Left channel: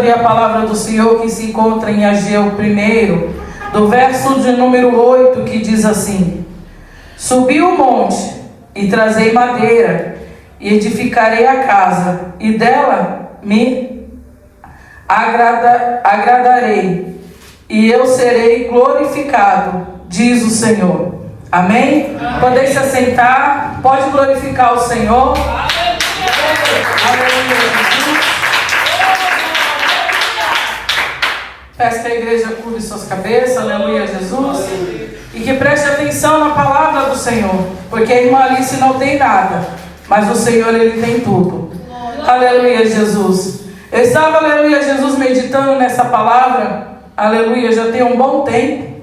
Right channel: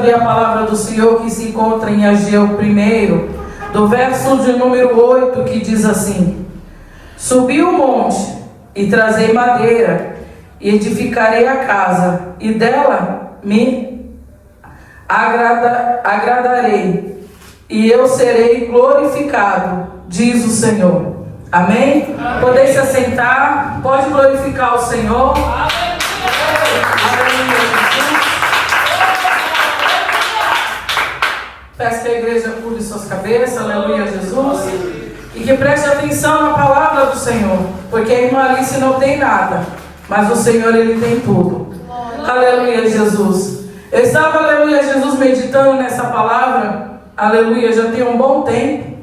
abrir a palavra do Senhor que se encontra em Ageu 1, do verso de número 8, que diz assim: Subi o monte e trazei madeira, e edificarei a casa, e dela me agradarei, e eu serei glorificado, diz o Senhor. Amém? Poder se assentar, pode glorificar o Senhor. Peço que a igreja curve suas cabeças, aleluia, Jesus, e que preste atenção na palavra do Senhor, porque a irmã Alice não tem nada, mas o Senhor, Ele tem tudo. Aleluia, Jesus. Eu estava, aleluia, Jesus, meditando nessa palavra, aleluia, já tem um bom tempo,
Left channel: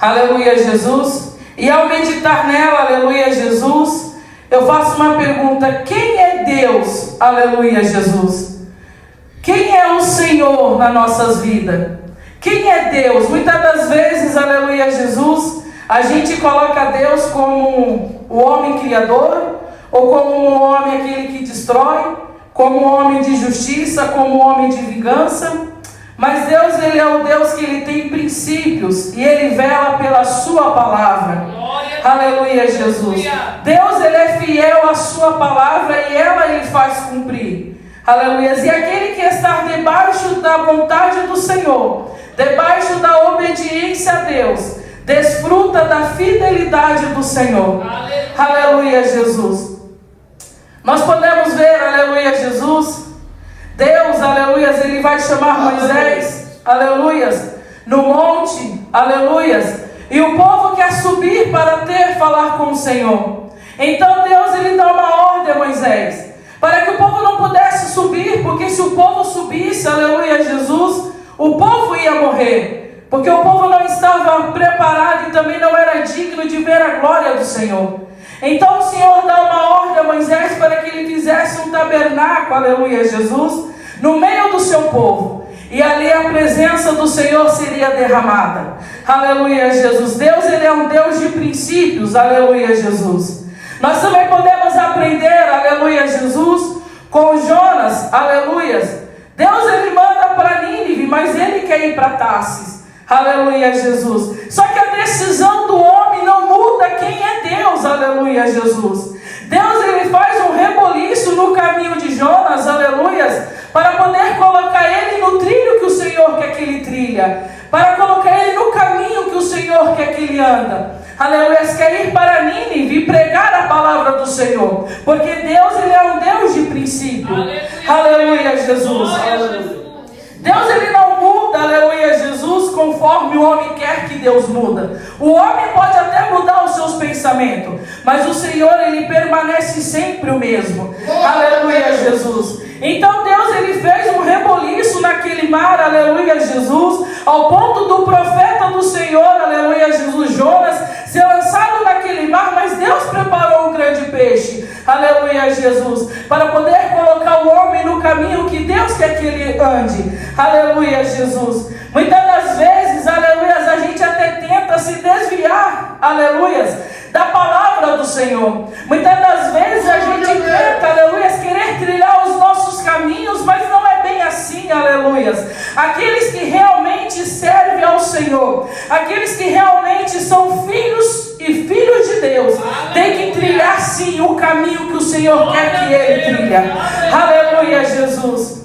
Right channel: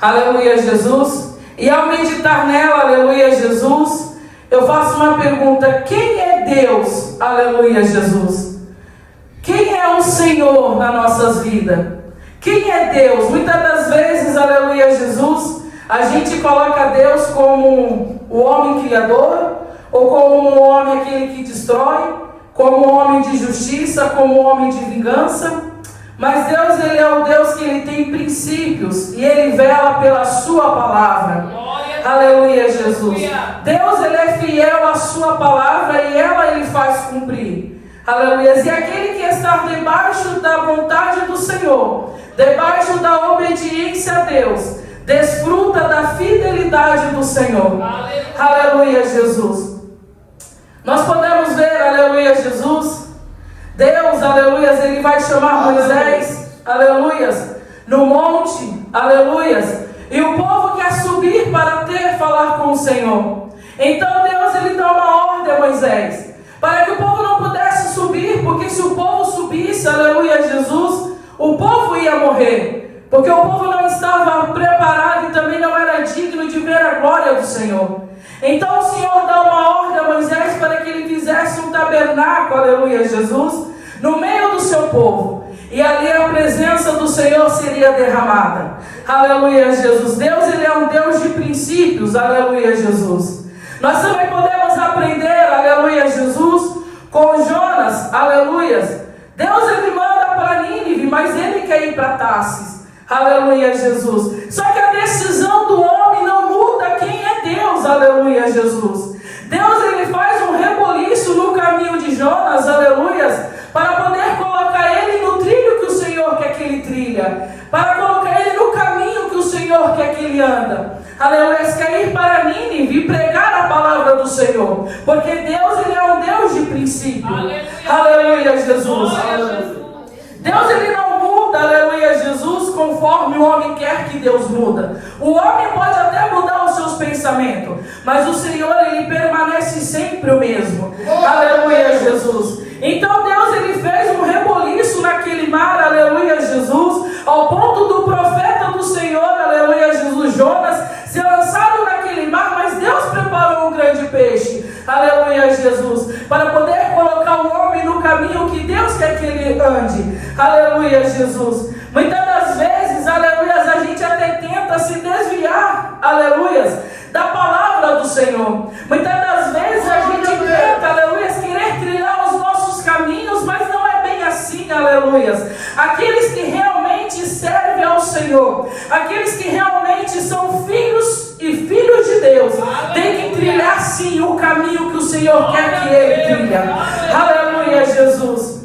aleluia, Jesus, e ao meditar nela, aleluia, Jesus, eu faço uma pergunta: quem é Deus, aleluia, Jesus? Quem é o Senhor nas nossas vidas? Quem é Deus? Muitas das vezes, aleluia, Jesus, a gente coloca Deus como o homem criador, ou como um homem aquele que destrói, como um homem de justiça, como um homem de vingança. Mas Deus, Ele é um Deus que Ele tem princípios, e Ele vela pela sua palavra. Aleluia, Jesus. Deus, Ele é fiel à sua palavra, e ela Ele faz cumprir. Aleluia. E aquele que está debaixo da vontade do Senhor, debaixo da obediência a Deus, desfruta da fidelidade do Senhor. Aleluia, Jesus. Nós podemos ver, aleluia, Jesus, Deus, aleluia, Ele vai chamar Moisés, aleluia, no monte, aleluia, e o povo quer subir para falar com o Senhor. Então Deus, Ele dá uma ordem a Moisés, para que o povo não pudesse subir, porque se o povo subisse, aleluia, Jesus, o povo ia morrer, porque o povo não estava preparado e também não era digno de ver a glória do Senhor. Então o Senhor dá uma ordem a Moisés para que ele fizesse um tabernáculo, aleluia, Jesus, no meio do seu povo, e ali a presença do Senhor seria derramada. Aleluia, Jesus. Deus, Ele é um Deus de princípios, aleluia, Jesus. Nós também podemos aprender, aleluia, Jesus, com Jonas, aleluia. Deus, Ele manda para Nínive, mas Ele quer ir para Tarsis, aleluia, Jesus. Só que a decisão do homem não muda quem é Deus, aleluia, Jesus. Deus, Ele faz um reboliço no caminho de Jonas, aleluia, para poder colocar ele no trilho que o Senhor quer que ele trilha, para colocar ele no caminho que o Senhor quer que ele anda. Aleluia, quer ir para Nínive e pregar a palavra do Senhor, porque Deus, Ele é um Deus de princípio. Aleluia, Jesus. Deus, Ele não muda, aleluia, Jesus, conforme o homem quer que Deus muda. O homem pode até mudar os seus pensamentos, mas o Senhor, Ele permanece sempre o mesmo. Aleluia, Jesus. Então Deus, Ele fez um reboliço naquele mar, aleluia, Jesus, ao ponto do profeta do Senhor, aleluia, Jesus, Jonas, ser lançado naquele mar, mas Deus preparou um grande peixe, aleluia, Jesus, para poder colocar o homem no caminho que Deus quer que ele ande, aleluia, Jesus. Muitas das vezes, aleluia, a gente até tenta se desviar, aleluia, da palavra do Senhor. Muitas das vezes a gente tenta, aleluia, querer trilhar os nossos caminhos, mas não é bem assim, aleluia. Aqueles que realmente servem ao Senhor, aqueles que realmente são filhos e filhos de Deus, têm que trilhar sim o caminho que o Senhor quer que ele trilha. Aleluia, Jesus.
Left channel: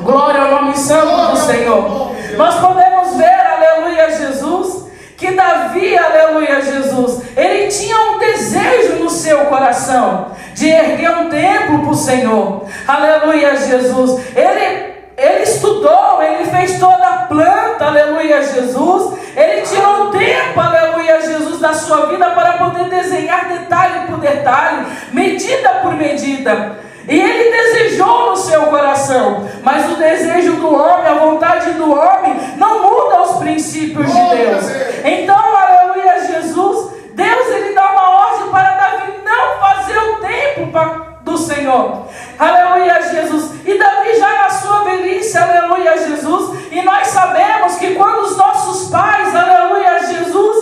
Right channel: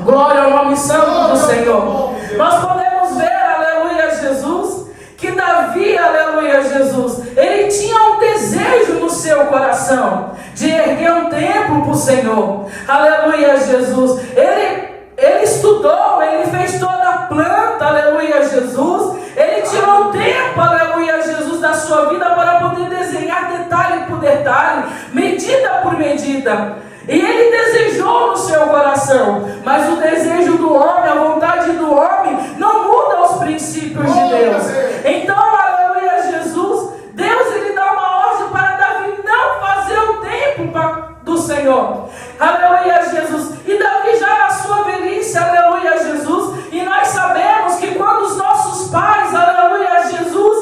Glória ao nome santo do Senhor. Nós podemos ver, aleluia, Jesus, que Davi, aleluia, Jesus, ele tinha um desejo no seu coração de erguer um templo para o Senhor. Aleluia, Jesus. Ele estudou, ele fez toda a planta, aleluia, Jesus. Ele tirou um tempo, aleluia, Jesus, da sua vida para poder desenhar detalhe por detalhe, medida por medida. E ele desejou no seu coração, mas o desejo do homem, a vontade do homem, não muda os princípios de Deus. Então, aleluia, Jesus, Deus, Ele dá uma ordem para Davi não fazer o tempo do Senhor. Aleluia, Jesus. E Davi já na sua velhice, aleluia, Jesus. E nós sabemos que quando os nossos pais, aleluia, Jesus,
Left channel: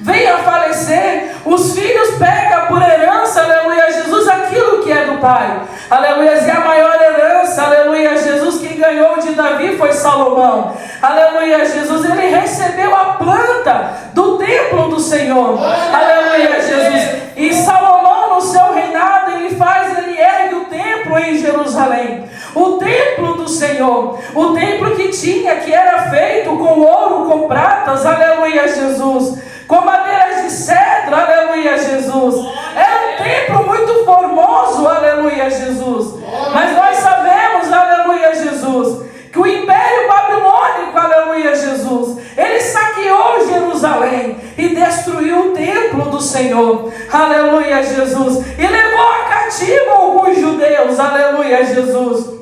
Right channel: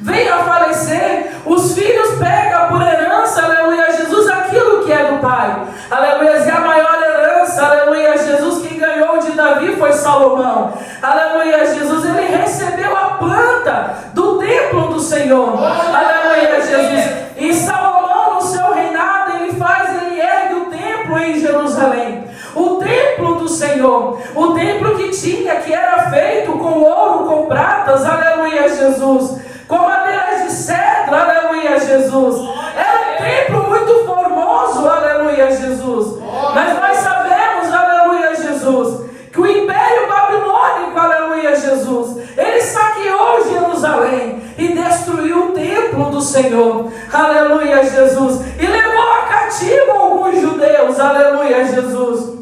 vêm a falecer, os filhos pegam por herança, aleluia, Jesus, aquilo que é do pai. Aleluia, e a maior herança, aleluia, Jesus, quem ganhou Davi foi Salomão. Aleluia, Jesus. Ele recebeu a planta do templo do Senhor. Aleluia, Jesus. E Salomão, no seu reinado, ele ergue o templo em Jerusalém. O templo do Senhor. O templo que era feito com ouro, com pratas. Aleluia, Jesus. Com madeiras de cedro. Aleluia, Jesus. Era um templo muito formoso. Aleluia, Jesus. Mas nós sabemos, aleluia, Jesus, que o Império Babilônico, aleluia, Jesus, ele saqueou Jerusalém e destruiu o templo do Senhor, aleluia, Jesus, e levou a cativo alguns judeus, aleluia, Jesus.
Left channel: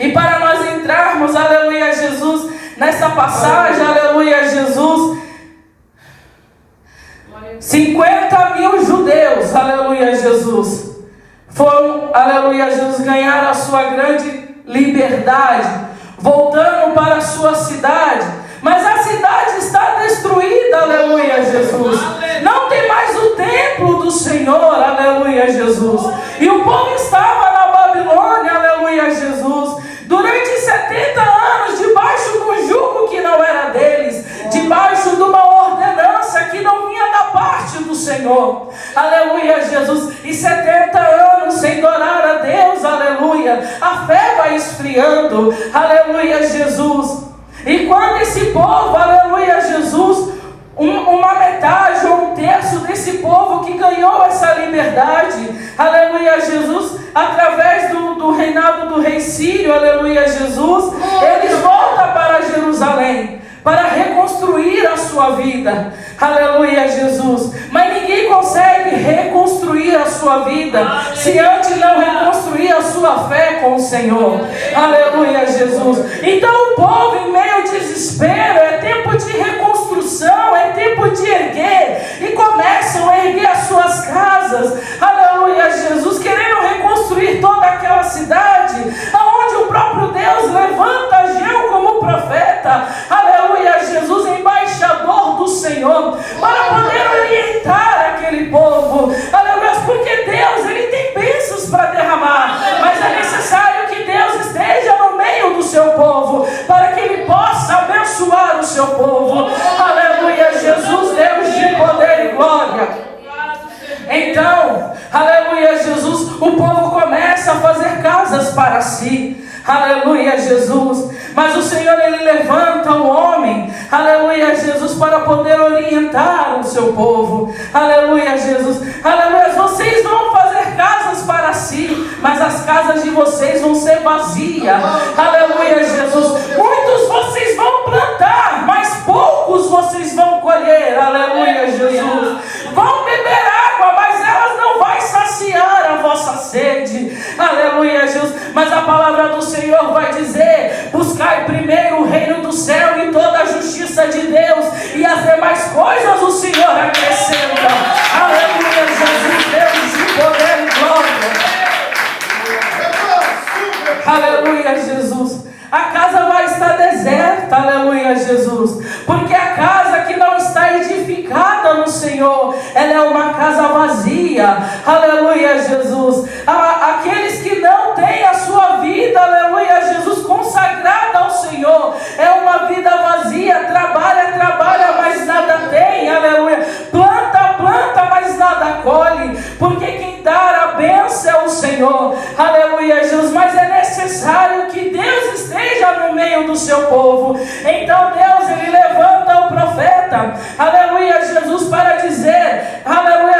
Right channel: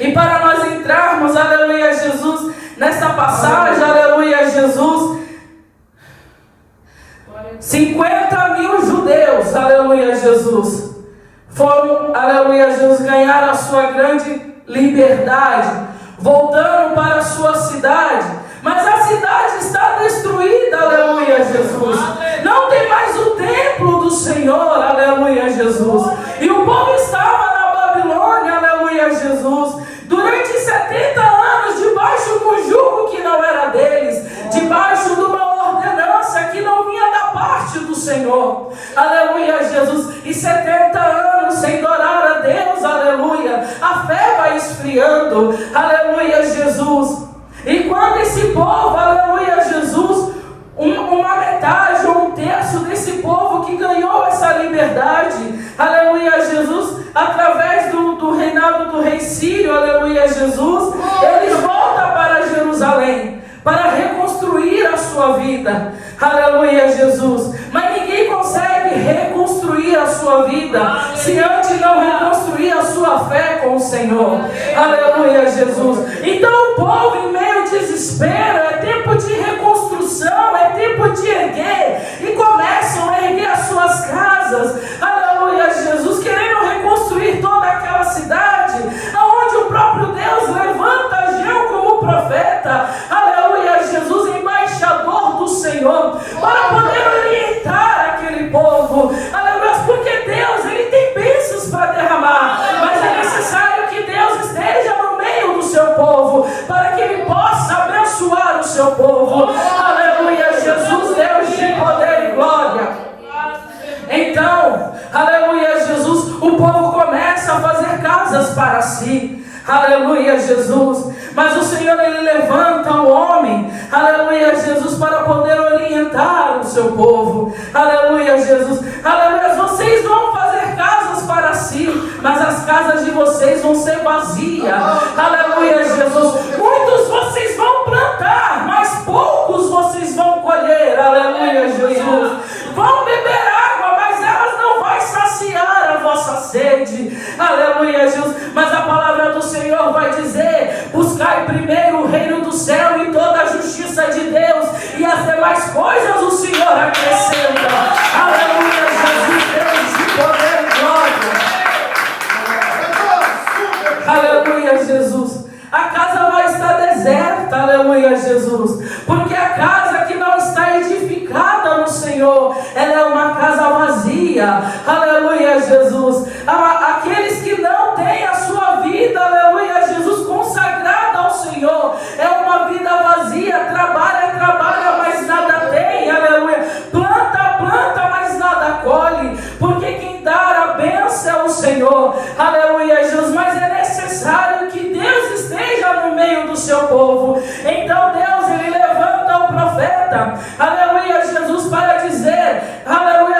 E para nós entrarmos, aleluia, Jesus, nessa passagem, aleluia, Jesus, 50.000 judeus, aleluia, Jesus, foram, aleluia, Jesus, ganhar a sua grande liberdade, voltando para a sua cidade. Mas a cidade está destruída, aleluia, Jesus. Não tem mais o templo do Senhor, aleluia, Jesus. E o povo estava na Babilônia, aleluia, Jesus, durante 70 anos, debaixo de um jugo que não era deles, debaixo de uma ordenança que não vinha da parte do Senhor, aleluia, Jesus. E 70 anos sem adorar a Deus, aleluia, a fé vai esfriando, aleluia, Jesus. E quando esse povo, aleluia, Jesus, uma metade ou um terço desse povo que ganhou essa liberdade, aleluia, Jesus, através do reinado do rei Sírio, aleluia, Jesus, eles voltam para Jerusalém para reconstruir a sua vida, aleluia, Jesus. Mas ninguém consegue reconstruir a sua vida se antes não reconstruir a sua fé com o Senhor, aleluia, Jesus. Então o povo, em meio ao desespero, é tempo de reconstrução, é tempo de erguer, e começam a erguer as suas casas, aleluia, Jesus, querendo reconstruir toda aquela cidade, aonde o próprio Deus levanta Ageu como profeta, aleluia, Jesus, embaixador do Senhor, para poder orientar aquele povo, aleluia, porque Deus, ele tem bênçãos para derramar, mas é necessário que Deus esteja no meio do seu povo, para que ele possa abençoar o seu povo, aleluia, Jesus, Deus de poder e glória. Então, aleluia, Jesus, o povo começa a fazer casas para si, aleluia, Jesus. Mas o Senhor, ele levanta o homem, aleluia, Jesus, para poder orientar o seu povo, aleluia, Jesus, aleluia. Vocês vão fazer casas para si, mas as casas de vocês vão ser vazias, aleluia, Jesus. Muitos vocês vão plantar, mas poucos vocês vão colher, aleluia, Jesus. Vão beber água, mas elas não vai saciar a vossa sede, aleluia, Jesus. Mas a palavra do Senhor vai dizer: buscai primeiro o reino do céu e toda a justiça de Deus, e as demais coisas o Senhor acrescenta, aleluia, Jesus, Deus de poder e glória, aleluia, Jesus. A casa vai estar deserta, aleluia, Jesus, porque a casa que não está edificada no Senhor, ela é uma casa vazia, aleluia, Jesus. Aqueles que não têm a sua vida, aleluia, Jesus, consagrada ao Senhor, é uma vida vazia, trabalha, mas nada tem, aleluia, planta, mas nada colhe, porque quem dá a bênção é o Senhor, aleluia, Jesus. Mas é necessário que Deus esteja no meio do seu povo. Então Deus, ele levanta o profeta, aleluia, Jesus, para dizer, aleluia,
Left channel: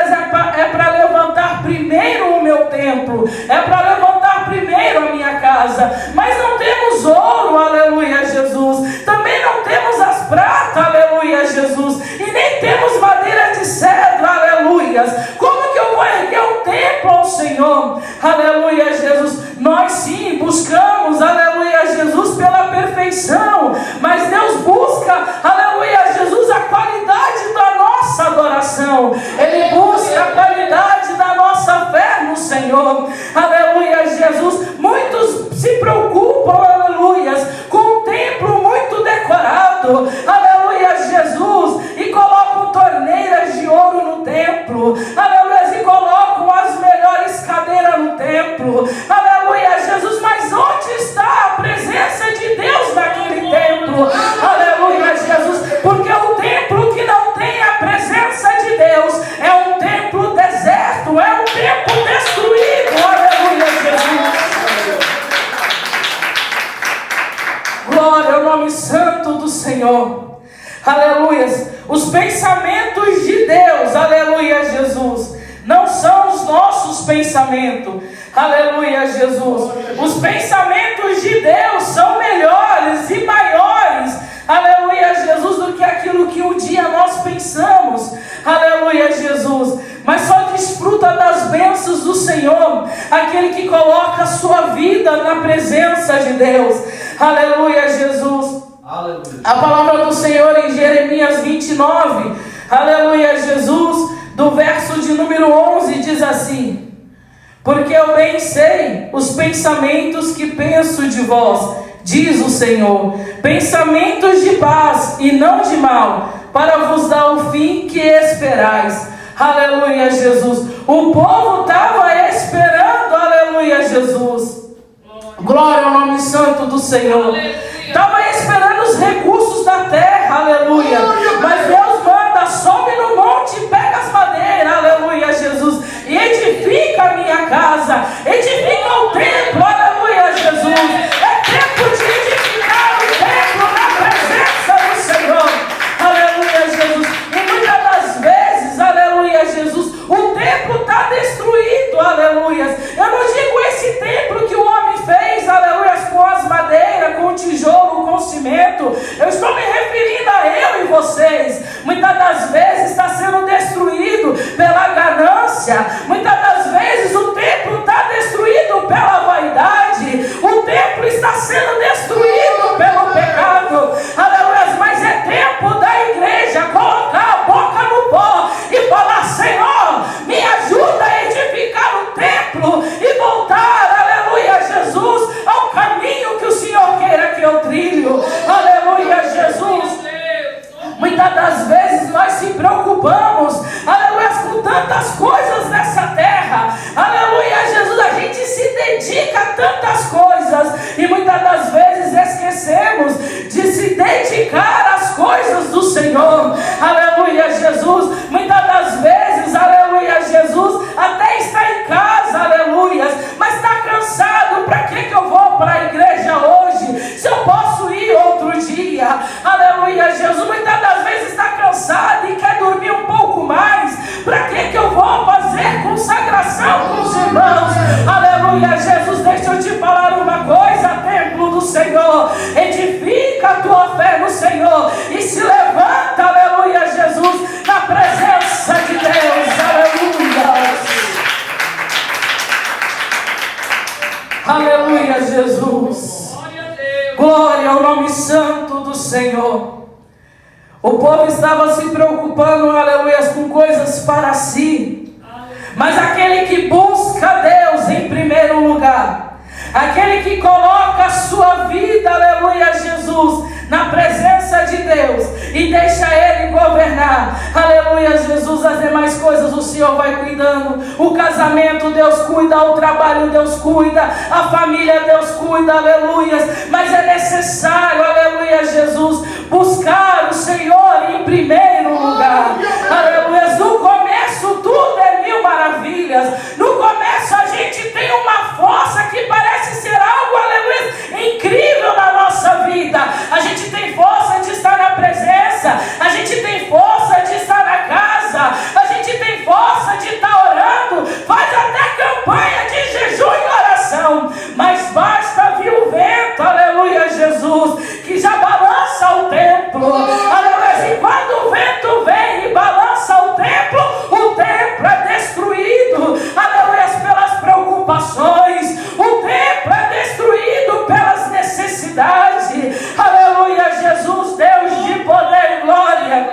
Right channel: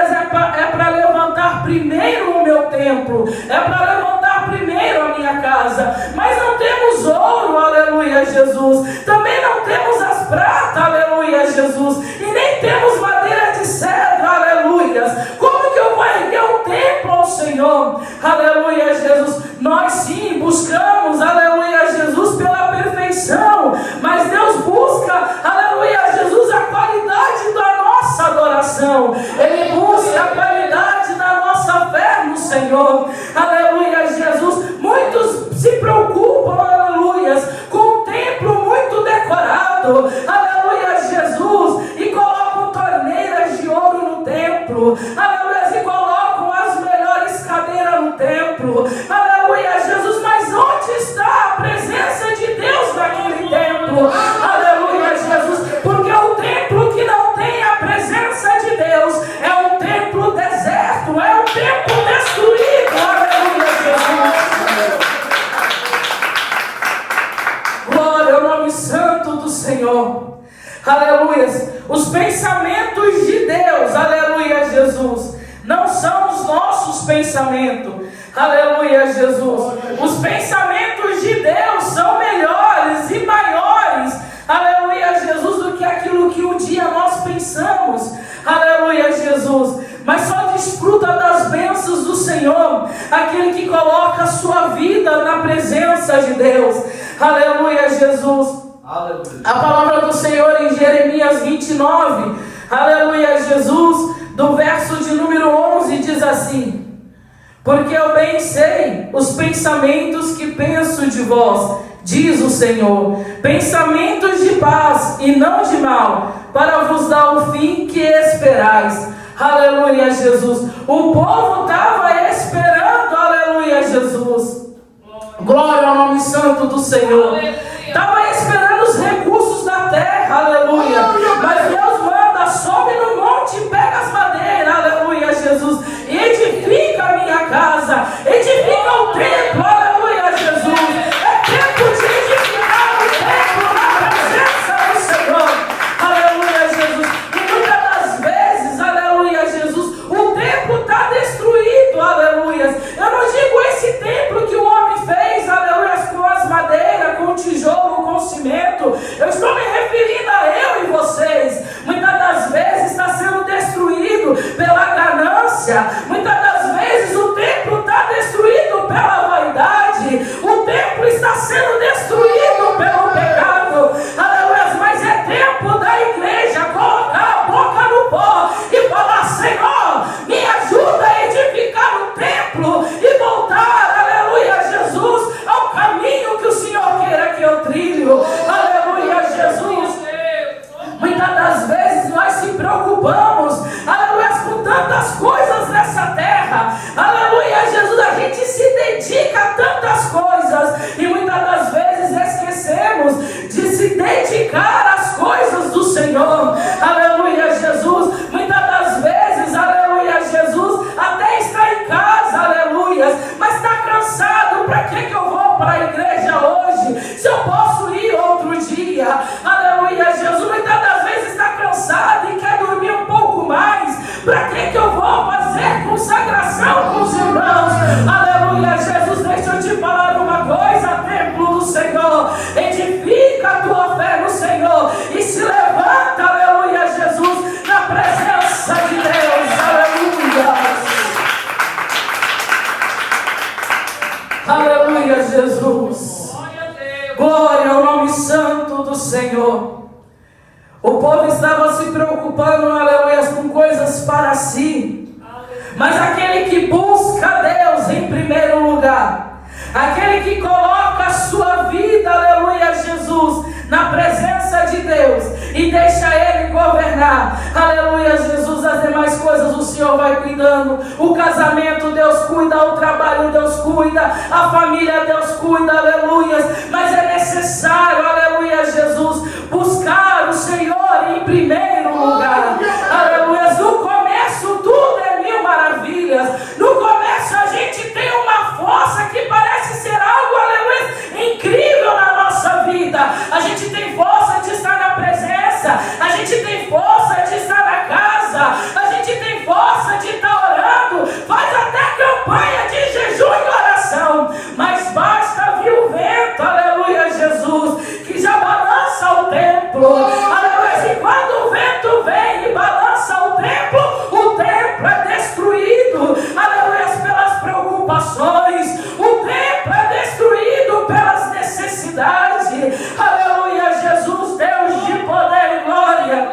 é para levantar primeiro o meu templo, é para levantar primeiro a minha casa. Mas não temos ouro, aleluia, Jesus, também não temos as pratas, aleluia, Jesus, e nem temos madeira de cedro, aleluia. Como que eu vou erguer o templo ao Senhor, aleluia, Jesus? Nós sim buscamos, aleluia, Jesus, pela perfeição, mas Deus busca, aleluia, Jesus, a qualidade da nossa adoração. Ele busca a qualidade da nossa fé no Senhor, aleluia, Jesus. Muitos se preocupam, aleluia, com um templo muito decorado, aleluia, Jesus, e colocam torneiras de ouro no templo, aleluia, e colocam as melhores cadeiras no templo, aleluia, Jesus. Mas onde está a presença de Deus? Jesus. Não são os nossos pensamentos. Aleluia, Jesus. Os pensamentos de Deus são melhores e maiores, aleluia, Jesus, do que aquilo que um dia nós pensamos. Aleluia, Jesus. Mas só desfruta das bênçãos do Senhor aquele que coloca a sua vida na presença de Deus. Aleluia, Jesus. Aleluia. A palavra do Senhor em Jeremias 29, aleluia, Jesus, do verso de número 11, diz assim: porque eu bem sei os pensamentos que penso de vós, diz o Senhor, pensamentos de paz e não de mal, para vos dar o fim que esperais. Aleluia, Jesus. O povo estava esperando, aleluia, Jesus. Glória ao nome santo do Senhor. Estava esperando os recursos da terra, aleluia. Mas Deus manda, sobe no monte, pega as madeiras, aleluia, Jesus, e edifica a minha casa, edifica o templo, aleluia, Jesus. É tempo de edificar o templo na presença do Senhor, aleluia, Jesus. E muitas das vezes, aleluia, Jesus, o templo está destruído, aleluia. Eu não digo esse templo que o homem fez, aleluia, com as madeiras, com o tijolo, com o cimento. Eu estou me referindo a eu e vocês. Muitas das vezes está sendo destruído pela ganância. Muitas das vezes o templo está destruído pela vaidade. O templo está sendo destruído pelo pecado. Aleluia, mas é tempo da igreja colocar a boca no pó e falar: Senhor, me ajuda a edificar o templo e voltar, aleluia, Jesus, ao caminho que o Senhor queira que eu trilho. Aleluia, Jesus. Muitas das vezes nós se preocupamos, aleluia, com tantas coisas nessa terra. Aleluia, Jesus, a gente se dedica a tantas coisas e muitas das vezes esquecemos de se dedicar às coisas do Senhor. Aleluia, Jesus. Muitas das vezes, aleluia, Jesus, até está em casa, aleluia, mas está cansado. Para que eu vou para a igreja hoje, se eu posso ir outro dia? Aleluia, Jesus. Muitas das vezes está cansado e quer dormir um pouco mais. Para que eu vou fazer consagração com os irmãos? Aleluia, Jesus. Deixa eu te falar uma coisa, templo do Senhor. Edifica a tua fé no Senhor e se levanta, aleluia, Jesus, na presença de Deus. Aleluia. Aleluia, Jesus. Glória ao nome santo do Senhor. O povo estava se preocupando, aleluia, com coisas para si. Mas aquele que busca Deus em primeiro lugar, aquele que coloca a sua vida, aleluia, Jesus, na presença de Deus e deixa Ele governar, aleluia, Jesus, as demais coisas o Senhor vai cuidando. O casamento Deus cuida, o trabalho Deus cuida, a família Deus cuida, aleluia. Mas é necessário, aleluia, Jesus, buscar o Senhor em primeiro lugar, aleluia. No começo tudo é mil maravilhas. No começo a gente tem uma força que parece ser algo, aleluia, incrível na nossa vida. A gente tem força de estar na presença, a gente tem força de estar na casa, a gente tem força de estar orando, faz até campanha de jejum e oração, mas basta vir o vento, aleluia, Jesus, que já balança o templo, aleluia. E quando o vento vem e balança o templo é destruído, aleluia, pelas preocupações, o templo é destruído pelas necessidades, aleluia, Jesus, Deus de poder e glória,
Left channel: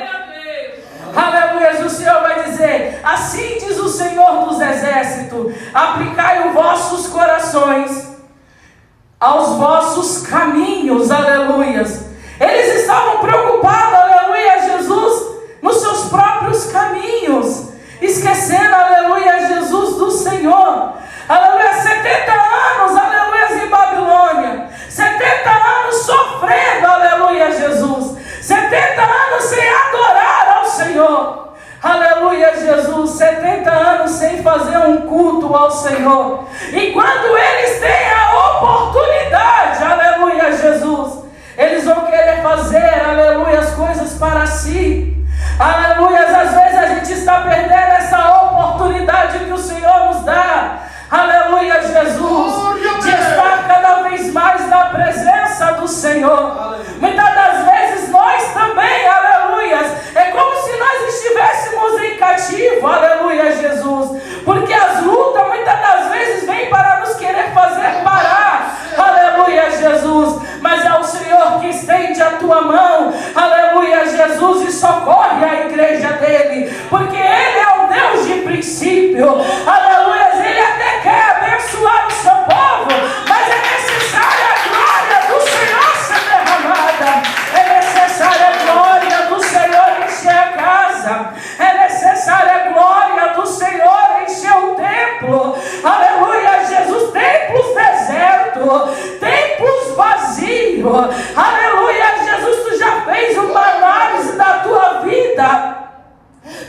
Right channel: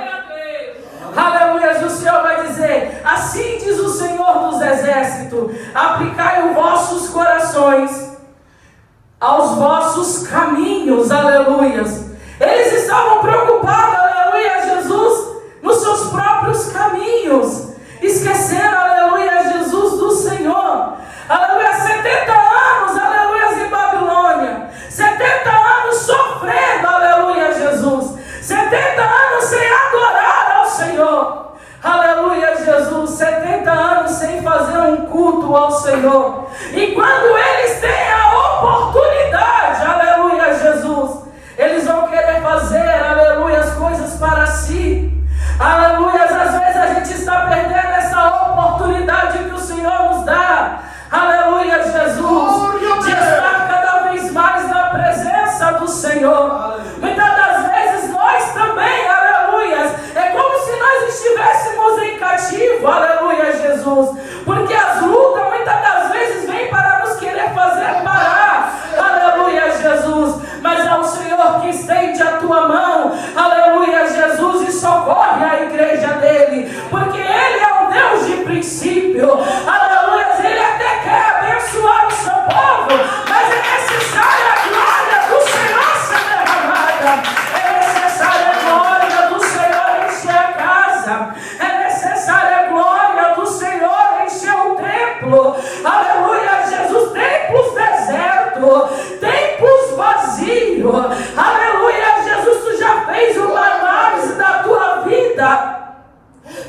aleluia. O Senhor vai dizer: assim diz o Senhor dos exércitos, aplicai os vossos corações aos vossos caminhos, aleluia. Eles estavam preocupados, aleluia, Jesus, nos seus próprios caminhos, esqueceram, aleluia, Jesus, do Senhor. Aleluia, 70 anos, aleluia, em Babilônia, 70 anos sofrendo, aleluia, Jesus, 70 anos sem adorar ao Senhor, aleluia, Jesus, 70 anos sem fazer um culto ao Senhor. E quando eles têm a oportunidade, aleluia, Jesus, eles vão querer fazer, aleluia, as coisas para si. Aleluia, às vezes a gente está perdendo essa oportunidade Senhor. Muitas das vezes nós também, aleluias, é como se nós estivéssemos em cativo, aleluia, Jesus. Porque as lutas muitas das vezes vêm para nos querer fazer parar, aleluia, Jesus. Mas é o Senhor que estende a tua mão, aleluia, Jesus, e socorre a igreja dele, porque ele é um Deus de princípio, aleluia. Ele até quer abençoar o seu povo, mas é necessária a glória do Senhor ser derramada, é necessária a glória do Senhor encher a casa, é necessária a glória do Senhor encher o templo, aleluia, Jesus. Templos desertos, templos vazios, aleluia, Jesus. Tu já fez uma análise da tua vida,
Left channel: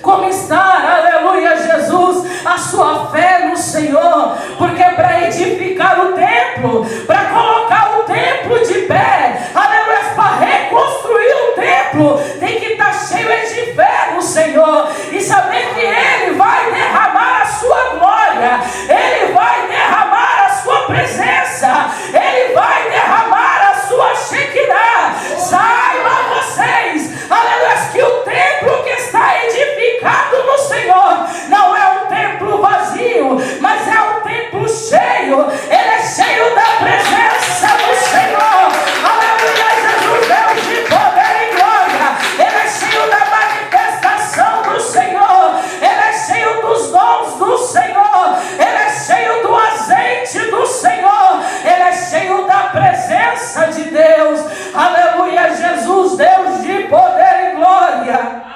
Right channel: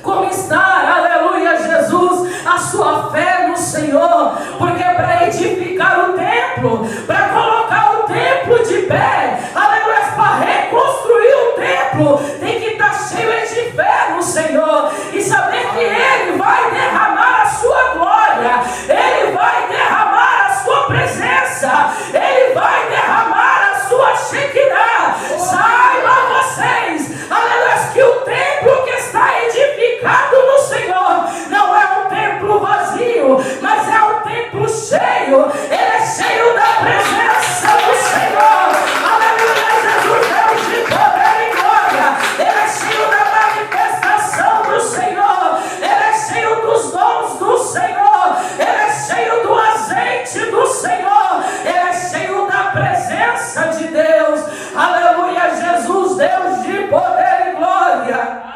como está, aleluia, Jesus, a sua fé no Senhor, porque para edificar o templo, para colocar o templo de pé, aleluia, para reconstruir o templo, tem que estar cheio de fé no Senhor, e saber que Ele vai derramar a sua glória, Ele vai derramar a sua presença, Ele vai derramar a sua Shekinah. Saibam vocês, aleluia, que o templo que está edificado no Senhor não é um templo vazio, mas é um templo cheio. Ele é cheio da presença do Senhor, aleluia, Jesus, Deus de poder e glória. Ele é cheio da manifestação do Senhor, Ele é cheio dos dons do Senhor, Ele é cheio do azeite do Senhor, Ele é cheio da presença de Deus, aleluia, Jesus, Deus de poder e glória.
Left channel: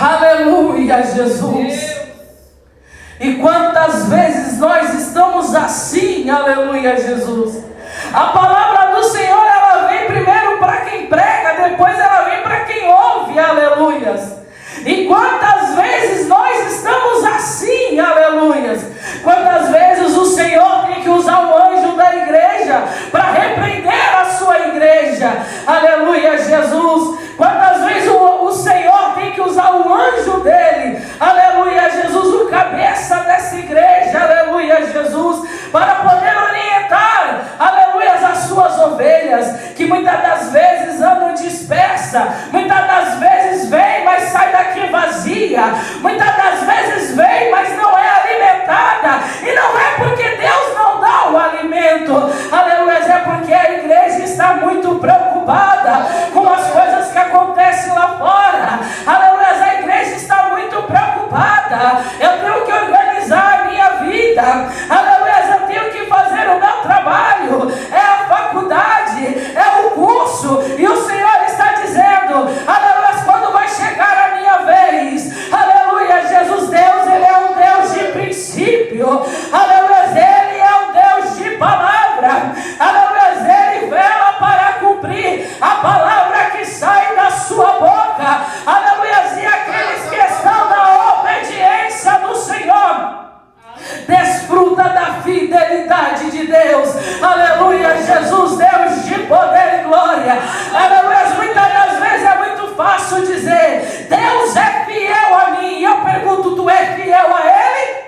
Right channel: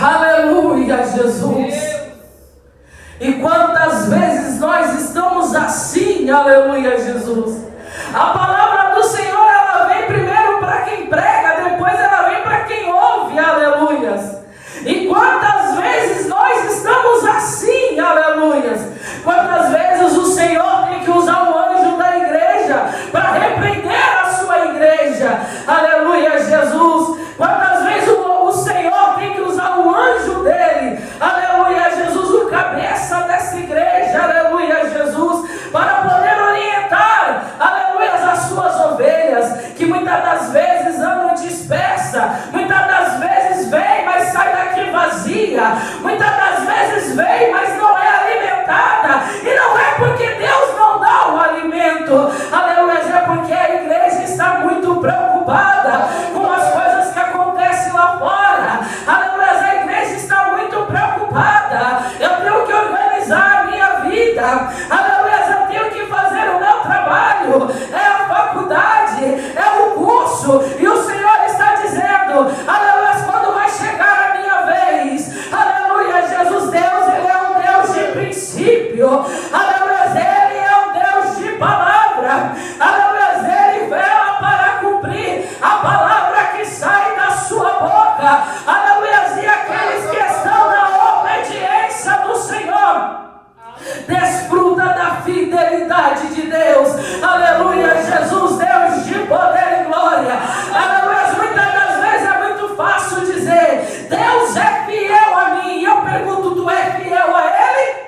Aleluia, Jesus. E quantas vezes nós estamos assim, aleluia, Jesus. A palavra do Senhor, ela vem primeiro para quem prega, depois ela vem para quem ouve, aleluias. E quantas vezes nós estamos assim, aleluias. Quantas vezes o Senhor tem que usar o anjo da igreja para repreender a sua igreja, aleluia, Jesus. Quantas vezes o Senhor tem que usar o anjo dele, aleluia, Jesus, o cabeça dessa igreja, aleluia, Jesus, para poder orientar, aleluia, as suas ovelhas, que muitas das vezes andam dispersas, muitas das vezes vem, mas sai daqui vazia, muitas das vezes vem, mas não é alimentada, e não é porque Deus não dá o alimento, aleluia, é porque a igreja está muito preocupada com as coisas que acontecem lá fora, aleluia, a igreja está muito preocupada. Eu tenho que organizar a minha vida, aleluia, eu tenho que fazer o meu trabalho, é a faculdade, é o curso, e o Senhor está dizendo, aleluia, quando vai chegar a minha vez, aleluia, Jesus, Deus, Ele é um Deus de princípio, aleluia, Ele é um Deus de palavra, aleluia, Ele vela para cumprir a palavra que sai da sua boca, aleluia, e aqueles que estão na obediência do Senhor desfruta da fidelidade de Deus, aleluia, Jesus, Deus de poder e glória, aleluia. Muitas das vezes é muito fácil dizer, Deus é fiel a mim, e eu pergunto, tu é fiel a Ele?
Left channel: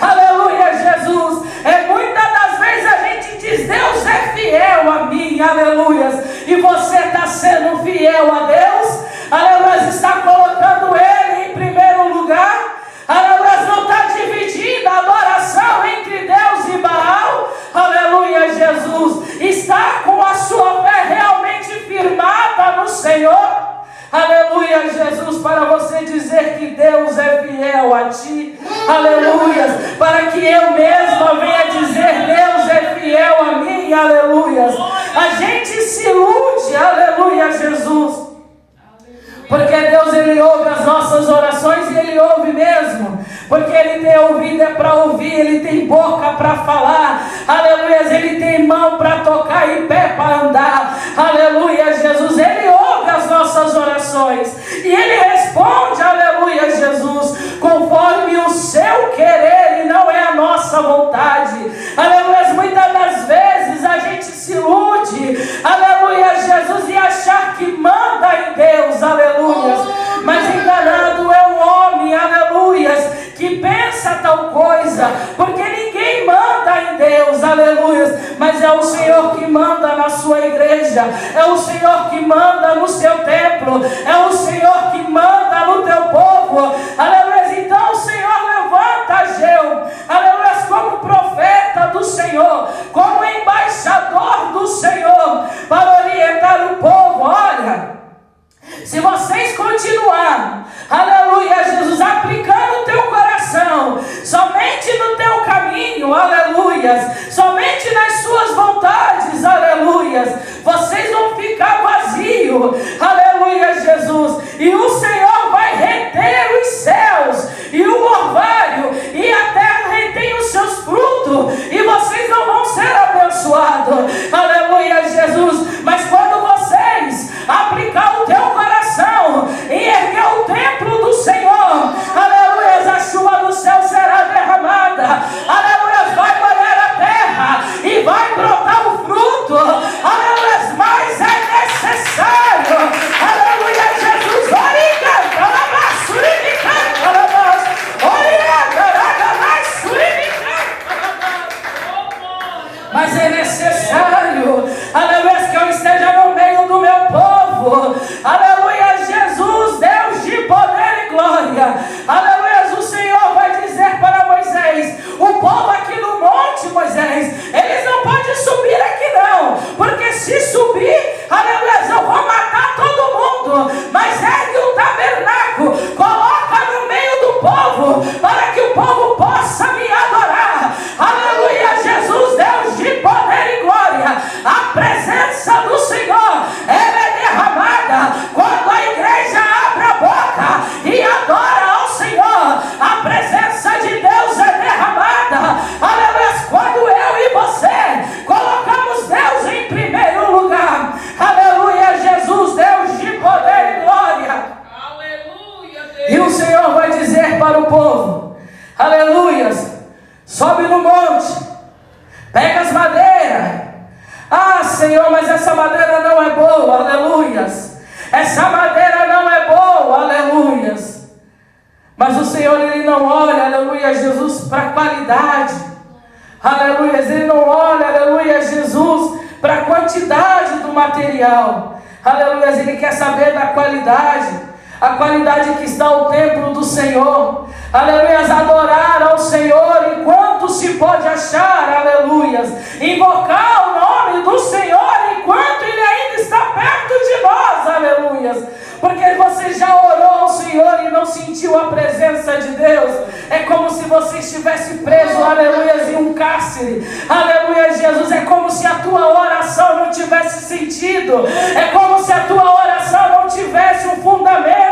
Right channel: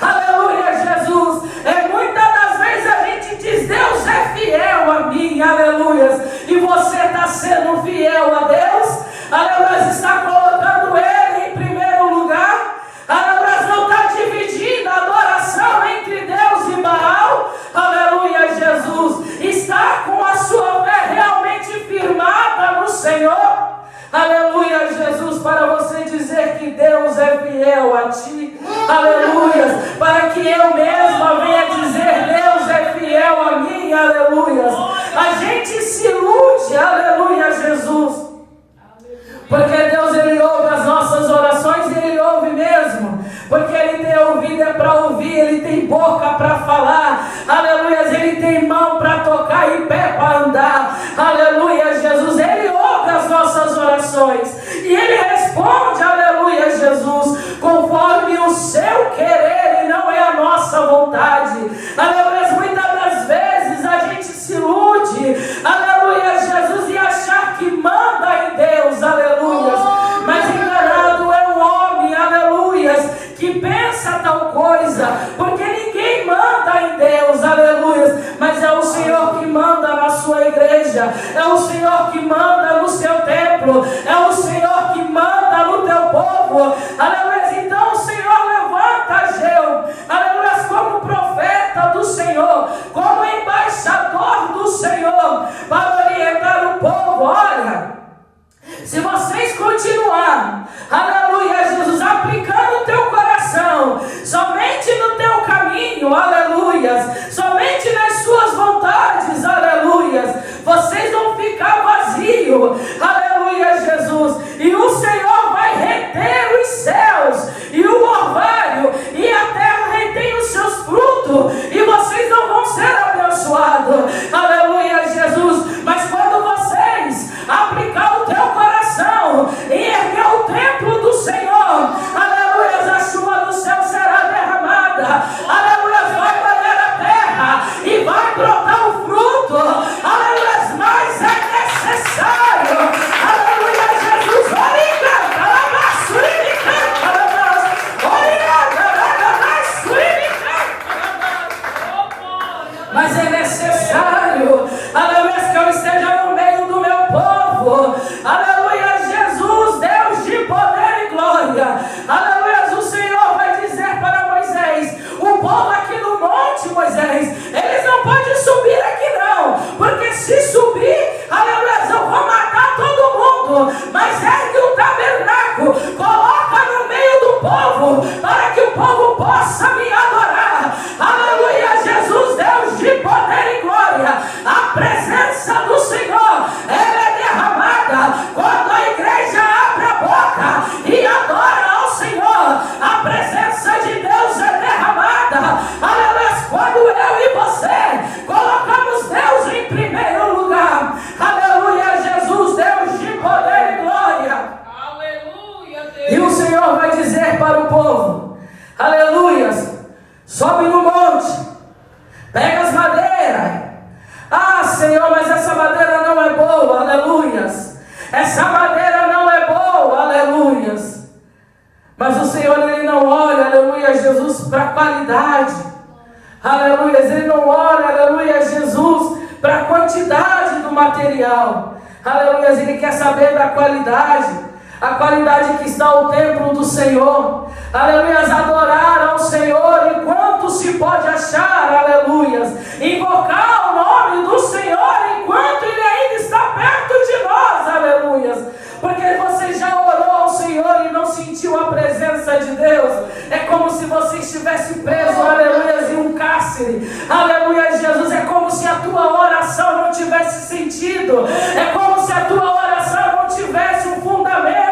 Aleluia, Jesus. Muitas das vezes a gente diz, Deus é fiel a mim, aleluia, e você está sendo fiel a Deus, aleluia, está colocando Ele em primeiro lugar, aleluia, não está dividindo a adoração entre Deus e Baal, aleluia, Jesus, está com a sua fé realmente firmada no Senhor, aleluia, Jesus, para você dizer que Deus é fiel a ti, aleluia, para que eu mesma venha dizer, Deus é fiel a mim, aleluia, a gente se ilude, aleluia, Jesus, porque Deus, Ele ouve as nossas orações, e Ele ouve mesmo, porque Ele tem ouvido é para ouvir, Ele tem boca para falar, aleluia, Ele tem mão para tocar e pé para andar, aleluia, Jesus, Ele ouve as nossas orações, e Ele responde, aleluia, Jesus, conforme o seu querer, e não é a nossa vontade, aleluia. Muitas das vezes a gente se ilude, aleluia, Jesus, e achar que manda em Deus, aleluia, mas enganado é um homem, aleluia, que pensa tal coisa, porque ninguém manda em Deus, aleluia, mas é o Senhor Senhor que manda no seu templo, é o Senhor que manda no teu povo. Aleluia. Então o Senhor levanta Ageu, aleluia, como profeta do Senhor, como embaixador do Senhor, para orientar o povo. Olha, se vocês continuarem, aleluia, Jesus, aplicando o teu coração somente no teu caminho, aleluia, somente nas suas vontades, aleluia, vocês vão ficar vazios, aleluia, Jesus, e o Senhor vai reter os céus e o orvalho, e a terra retém os seus frutos, e vocês não vão ser abençoados, aleluia, Jesus. Mas quando vocês aplicar o teu coração e erguer o templo do Senhor, aleluia, a chuva do céu será derramada, aleluia, vai banhar a terra e vai brotar o fruto, aleluia, mas é necessário, aleluia, Jesus, mas é necessário, aleluia, que eu esteja no meio do meu povo, aleluia, Jesus, Deus de poder e glória, aleluia. O Senhor vai dizer para Moisés: o povo aqui no monte, Moisés, eles não podem subir aqui não, porque se subir, aleluia, eu vou matar todo mundo, mas ergue um tabernáculo, coloca no meio do povo, para que o povo possa me adorar, aleluia, Jesus, Deus de poder e glória. A presença do Senhor, ela é derramada quando a igreja abre a boca e adora ao Senhor. A presença de Deus é derramada, aleluia, quando eu e você colocamos Deus em primeiro lugar, aleluia, Jesus, Deus de poder e glória, aleluia, Deus. E o Senhor vai dizer para o povo, aleluia, sobe no monte, pega as madeiras. Ah, Senhor, mas essa madeira não é boa, aleluias. Essa madeira não é boa, aleluias. Mas o Senhor, Ele não olha, aleluia, Jesus, para a qualidade, aleluia. Ele não olha, aleluia, Jesus, para a quantidade do material, aleluia. Ele quer saber da qualidade. A qualidade que está o templo do Senhor, aleluia, adorar ao Senhor enquanto se pode achar, aleluia, invocar o nome do Senhor enquanto Ele ainda está perto de nós, aleluia, porque você já orou ao Senhor e não sentiu a presença de Deus. É como se você estivesse preso, aleluia, em um cárcere, aleluia, Jesus. É como se a tua oração não tivesse sentido, é como se a tua oração não tivesse um fundamento,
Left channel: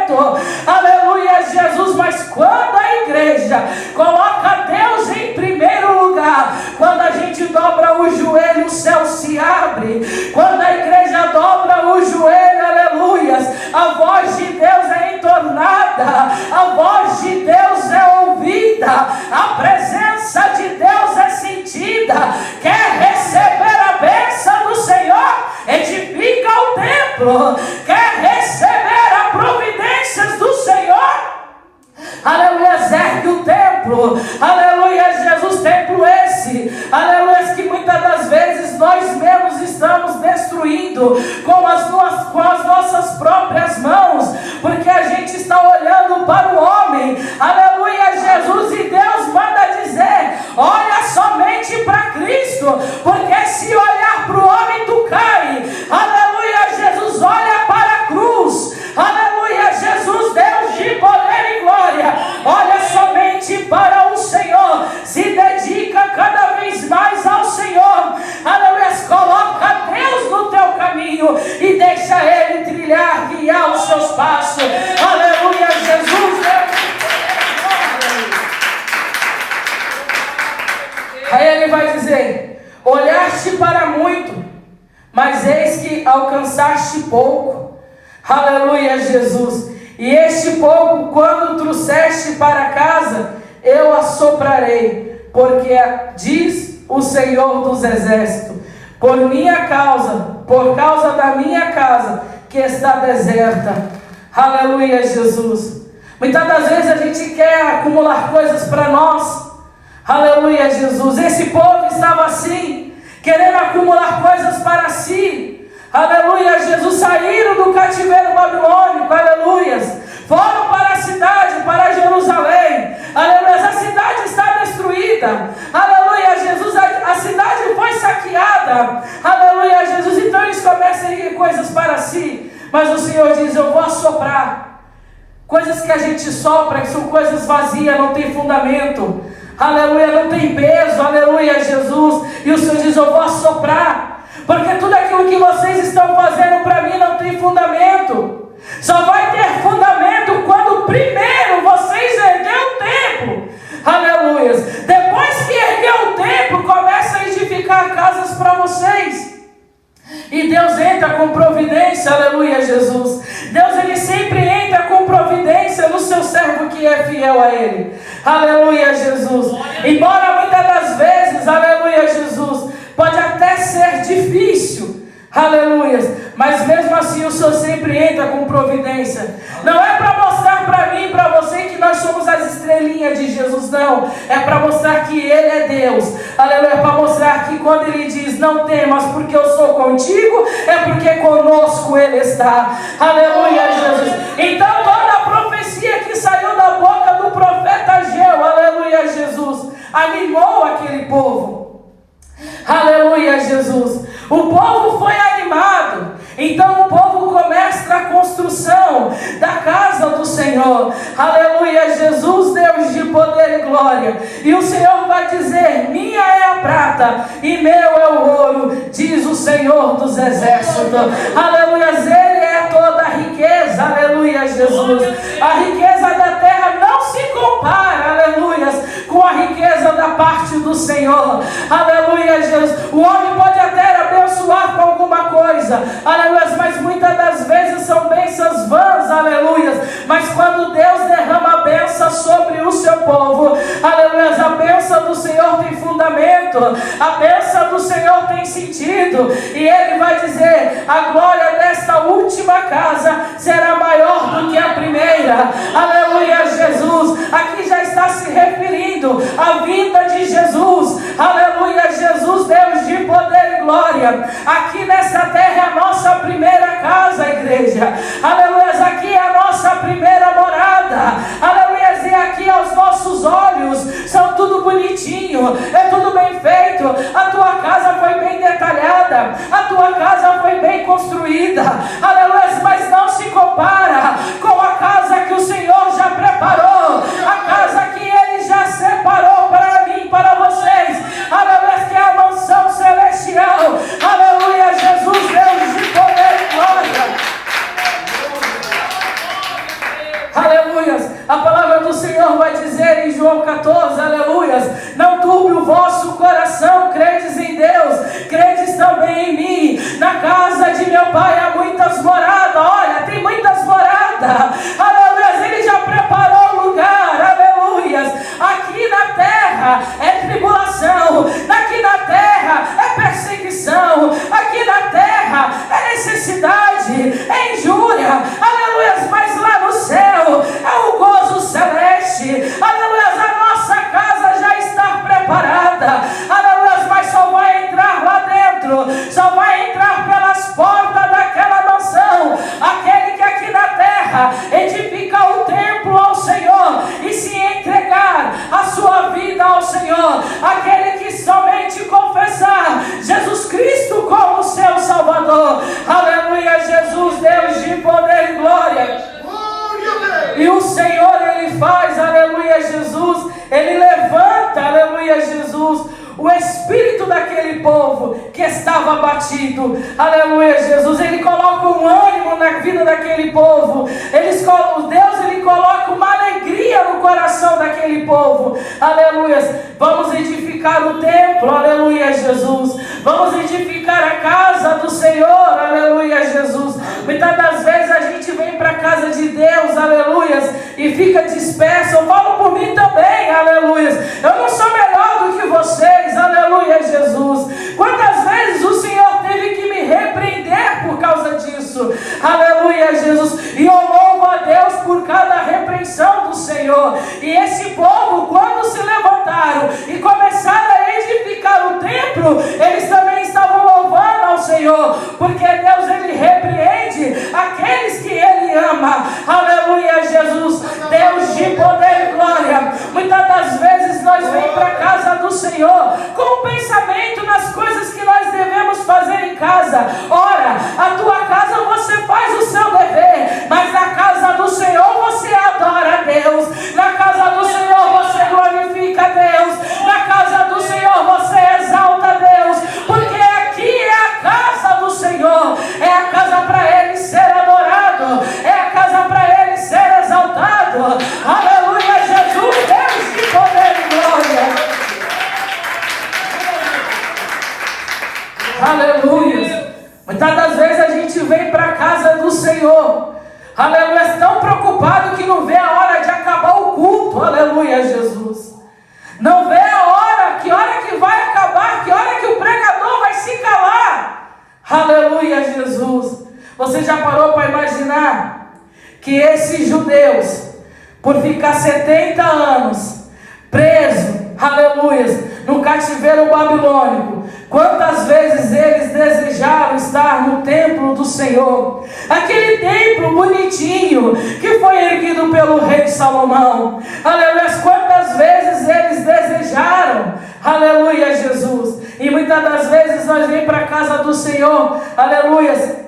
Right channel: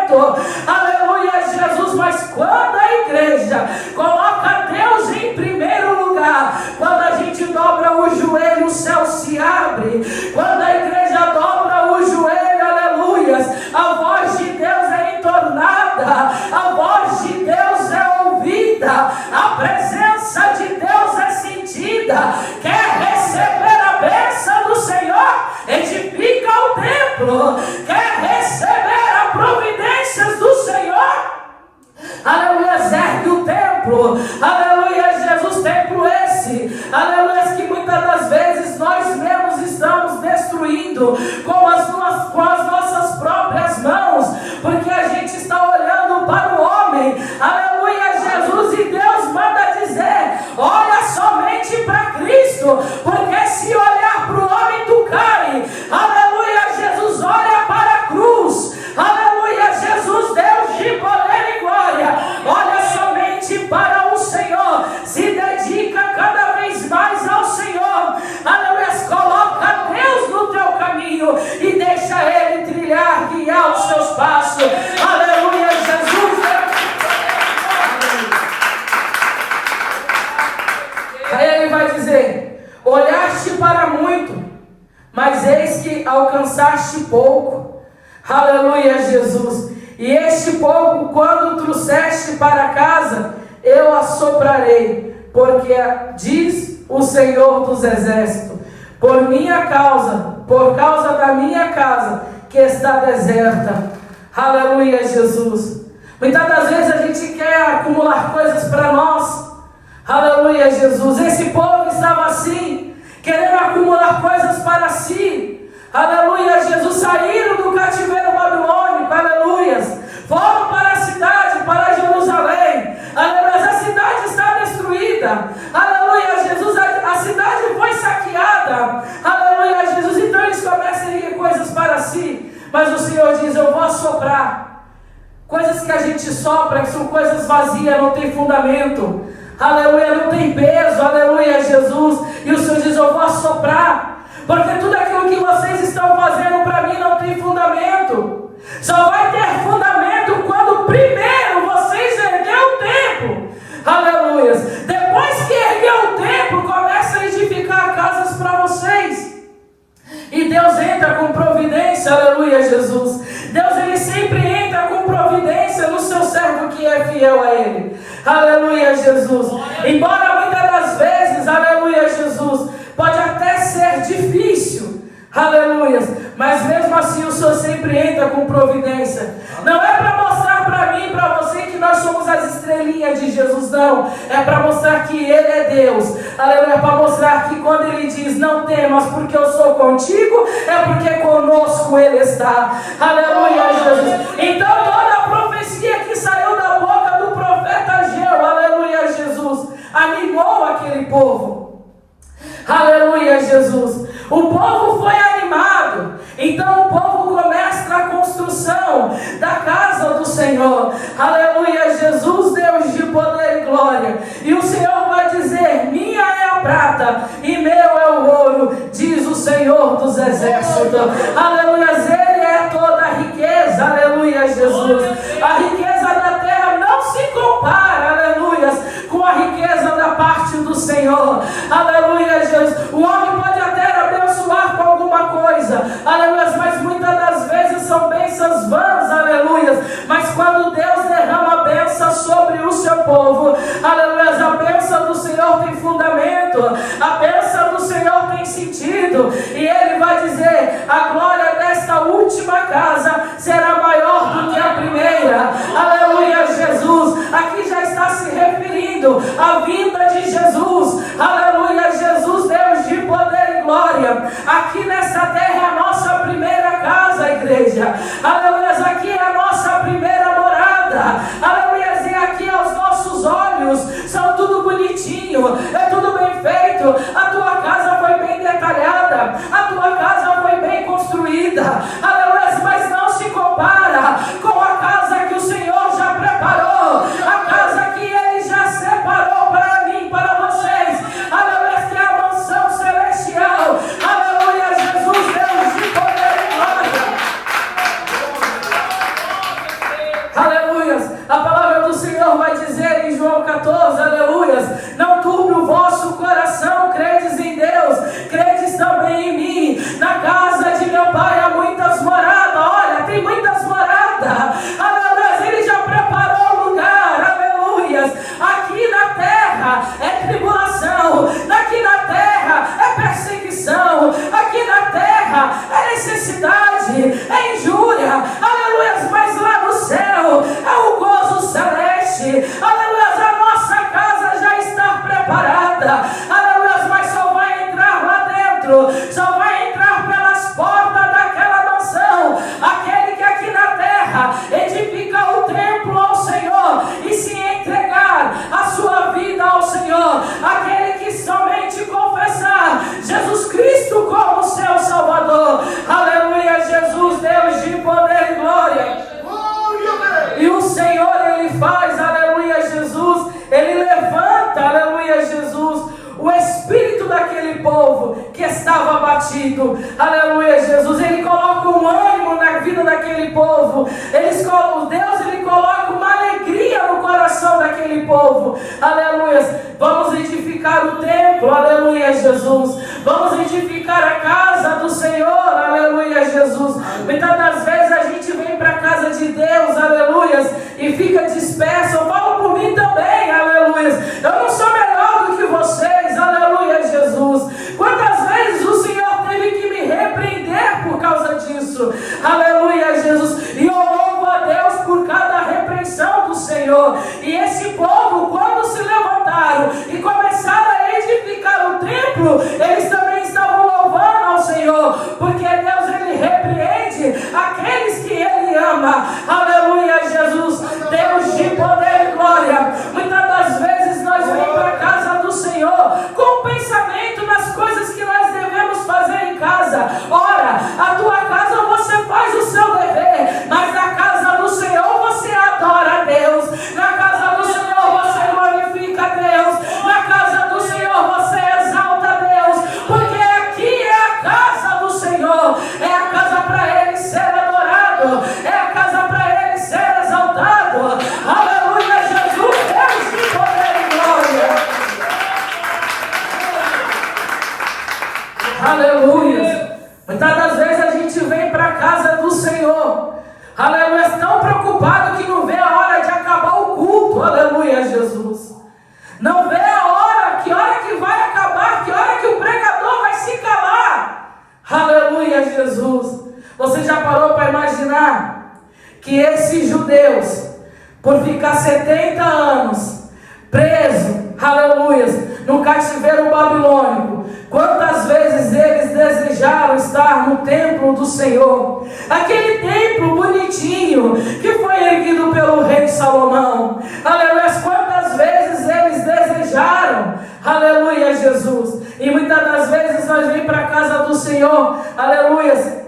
aleluia, Jesus. Mas quando a igreja coloca Deus em primeiro lugar, quando a gente dobra o joelho, o céu se abre. Quando a igreja dobra o joelho, aleluia, a voz de Deus é entornada, a voz de Deus é ouvida, a presença de Deus é sentida. Quer receber a bênção do Senhor? Edifica o templo. Quer receber a providências do Senhor? Aleluia, ergue o templo, aleluia, Jesus, templo esse, aleluia, que muitas das vezes nós mesmos estamos destruindo com as nossas próprias mãos, porque a gente está olhando para o homem, aleluia, Jesus, e Deus manda dizer: olha somente para Cristo, porque se olhar para o homem tu cai, aleluia, Jesus, olha para a cruz, aleluia, Jesus, Deus de poder e glória, olha somente para o Senhor, se dedica cada vez mais ao Senhor, aleluia, coloca Deus no teu caminho e deixa Ele trilhar, guiar os seus passos, aleluia, Jesus, Deus. Aí Ele vai dizer: olhaste para muito, mas eis que alcançaste pouco, aleluia, Jesus. E este pouco, quando trouxeste para casa, eu assoprarei, porque diz o Senhor dos Exércitos, por minha causa, por causa da minha casa, que está deserta, aleluia, Jesus. Muitas das vezes a gente quer acumular coisas para nós, aleluia, Jesus. Esse povo estava assim, querendo acumular coisas para si, aleluia, Jesus, saíram do cativeiro babilônico, aleluia, foram para a cidade, para Jerusalém, aleluia, a cidade está destruída, aleluia, Jesus, a cidade foi saqueada, aleluia, Jesus, então eles começam a erguer coisas para si, mas o Senhor diz, eu vou assoprar. Coisas que a gente sopra, que são coisas vazias, não tem fundamento, aleluia, não tem peso, aleluia, Jesus, e o Senhor diz, eu vou assoprar, porque tudo aquilo que vocês estão fazendo para mim não tem fundamento, só vai ter fundamento quando primeiro vocês erguer o templo, aleluia, depois que erguer o templo, começa a edificar casas para vocês, e Deus entra com providência, aleluia, Jesus, Deus ele sempre entra com providência no seu servo que é fiel a Ele, aleluia, Jesus, embora muitas das vezes, aleluia, Jesus, pode até ser difícil, aleluia, mas mesmo assim o Senhor sempre entra com providência, não é para mostrar para mim, para você que nós somos as estrelinhas de Jesus, não, é para mostrar que Ele é Deus, aleluia, é para mostrar que quando Ele diz, não temas porque eu sou contigo, é porque conosco Ele está, aleluia, Jesus, então toda a profecia que saiu da boca do profeta Ageu, aleluia, Jesus, animou aquele povo, aleluia, Jesus, o povo foi animado, então o povo começa a construção da casa do Senhor, aleluia, Jesus, Deus de poder e glória, e o Senhor vai dizer, minha é a prata e meu é o ouro, diz o Senhor dos exércitos, aleluia, Ele é toda a riqueza, aleluia, Jesus, a riqueza da terra não se compara, aleluia, com a riqueza da parte do Senhor, aleluia, Jesus, o homem pode até abençoar com alguma coisa, aleluia, mas muitas das vezes são bênçãos vãs, aleluia, mas quando Deus derrama a bênção sobre o seu povo, aleluia, a bênção do Senhor tem fundamento, a bênção do Senhor tem sentido, e Ele vai dizer, a glória desta última casa será maior do que a primeira, aleluia, Jesus, aqui já está se referindo à vinda de Jesus, aleluia, Jesus, Deus de poder e glória, aqui nessa terra é a nossa primeira casa, igreja, aleluia, aqui é a nossa primeira morada, aleluia, e aqui aos nossos olhos, são tudo bonitinho, é tudo bem feito, a tua casa foi bem detalhada, a tua casa foi bem construída, aleluia, mas não se compara com a casa que o Senhor já preparou, a casa que Ele já separou para mim, para vocês, aleluia, que é a mansão celestial, aleluia, Jesus, Deus de poder e glória, aleluia, a palavra do Senhor vai dizer em João 14, aleluia, não turbe o vosso coração, credes em Deus, credes também em mim, na casa de meu Pai há muitas moradas, olha, tem muitas moradas, aleluia, Ele já preparou o lugar, aleluia, aqui na terra é tribulação, aqui na terra é perseguição, aqui na terra é necessidade, é injúria, aleluia, mas lá no céu é o gozo celeste, aleluia, a nossa casa já está preparada, aleluia, mas só vai entrar lá dentro, só vai entrar pelas portas daquela mansão, aquele que aqui na terra edifica o templo ao Senhor e se entregar a sua vida ao Senhor, aquele que somente confessar Jesus Cristo como seu Salvador, aleluia, Jesus, Deus de poder e glória, e o Senhor Ele faz, aleluia, Jesus, Ele levanta, aleluia, Jesus, o espírito daquele povo que estava abatido, aleluia, Jesus, Ele coloca um ânimo na vida daquele povo, Deus Ele coloca uma alegria no coração daquele povo, aleluia, vamos edificar o templo, aleluia, Jesus, vamos edificar a casa do Senhor, aleluia, Jesus, muitas das vezes a gente vem para a casa de Deus, aleluia, e fica disperso, eu falo por mim também, aleluia, eu não sou melhor do que vocês, aleluia, Jesus, quantas vezes o Senhor teve que me repreender por causa disso, aleluia, Jesus, e eu louvo a Deus por cada repreensão do Senhor, e esse povo, quando se levantaram e começaram a edificar o templo, eles também estavam louvando ao Senhor, porque Deus aleluia, Jesus. Não vê a hora, que hora que vai acabar, que hora que o pregador vai se calar, aleluia, Jesus. Você já parou para imaginar que esses judeus, por ficar 70 anos presos, aleluia, no cativeiro babilônico, quantas vezes eles desejaram estar no templo do Senhor, aquele templo bonitinho que foi erguido pelo rei Salomão, aleluia, quantas vezes eles desejaram, aleluia, Jesus. E muitas das vezes nós vem para a casa do Senhor, aleluia,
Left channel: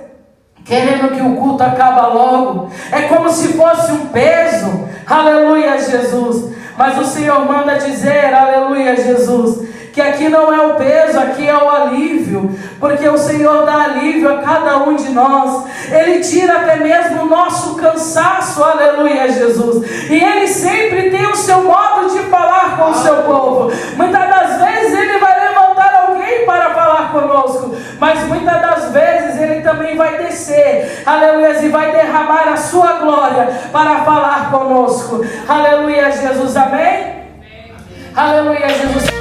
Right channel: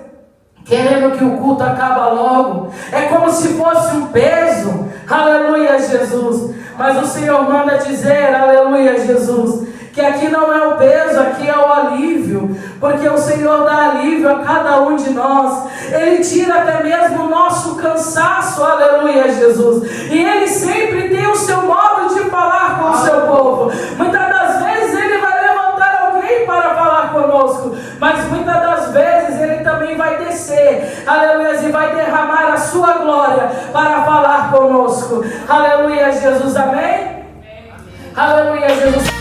querendo que o culto acabe logo, é como se fosse um peso, aleluia, Jesus. Mas o Senhor manda dizer, aleluia, Jesus, que aqui não é o peso, aqui é o alívio, porque o Senhor dá alívio a cada um de nós. Ele tira até mesmo o nosso cansaço, aleluia, Jesus. E Ele sempre tem o seu modo de falar com o seu povo. Muitas das vezes Ele vai levantar alguém para falar conosco, mas muitas das vezes Ele também vai descer, aleluia, e vai derramar a sua glória para falar conosco, aleluia, Jesus, amém? Aleluia, Jesus.